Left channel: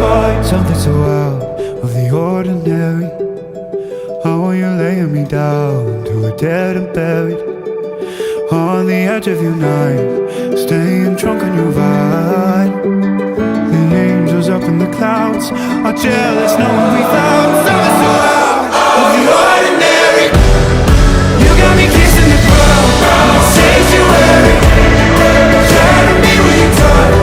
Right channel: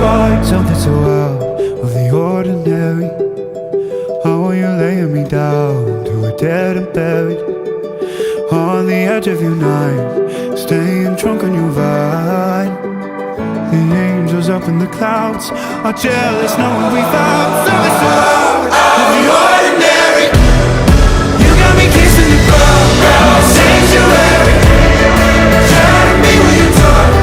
find something so out of the ordinary. How are you laying me down to a dead and buried on the edge of your night, staying drunk on your vine. The angels up in the clouds are jealous knowing we found something so out of the ordinary. You got me kissing the ground in the sanctuary, trying to be with your touch.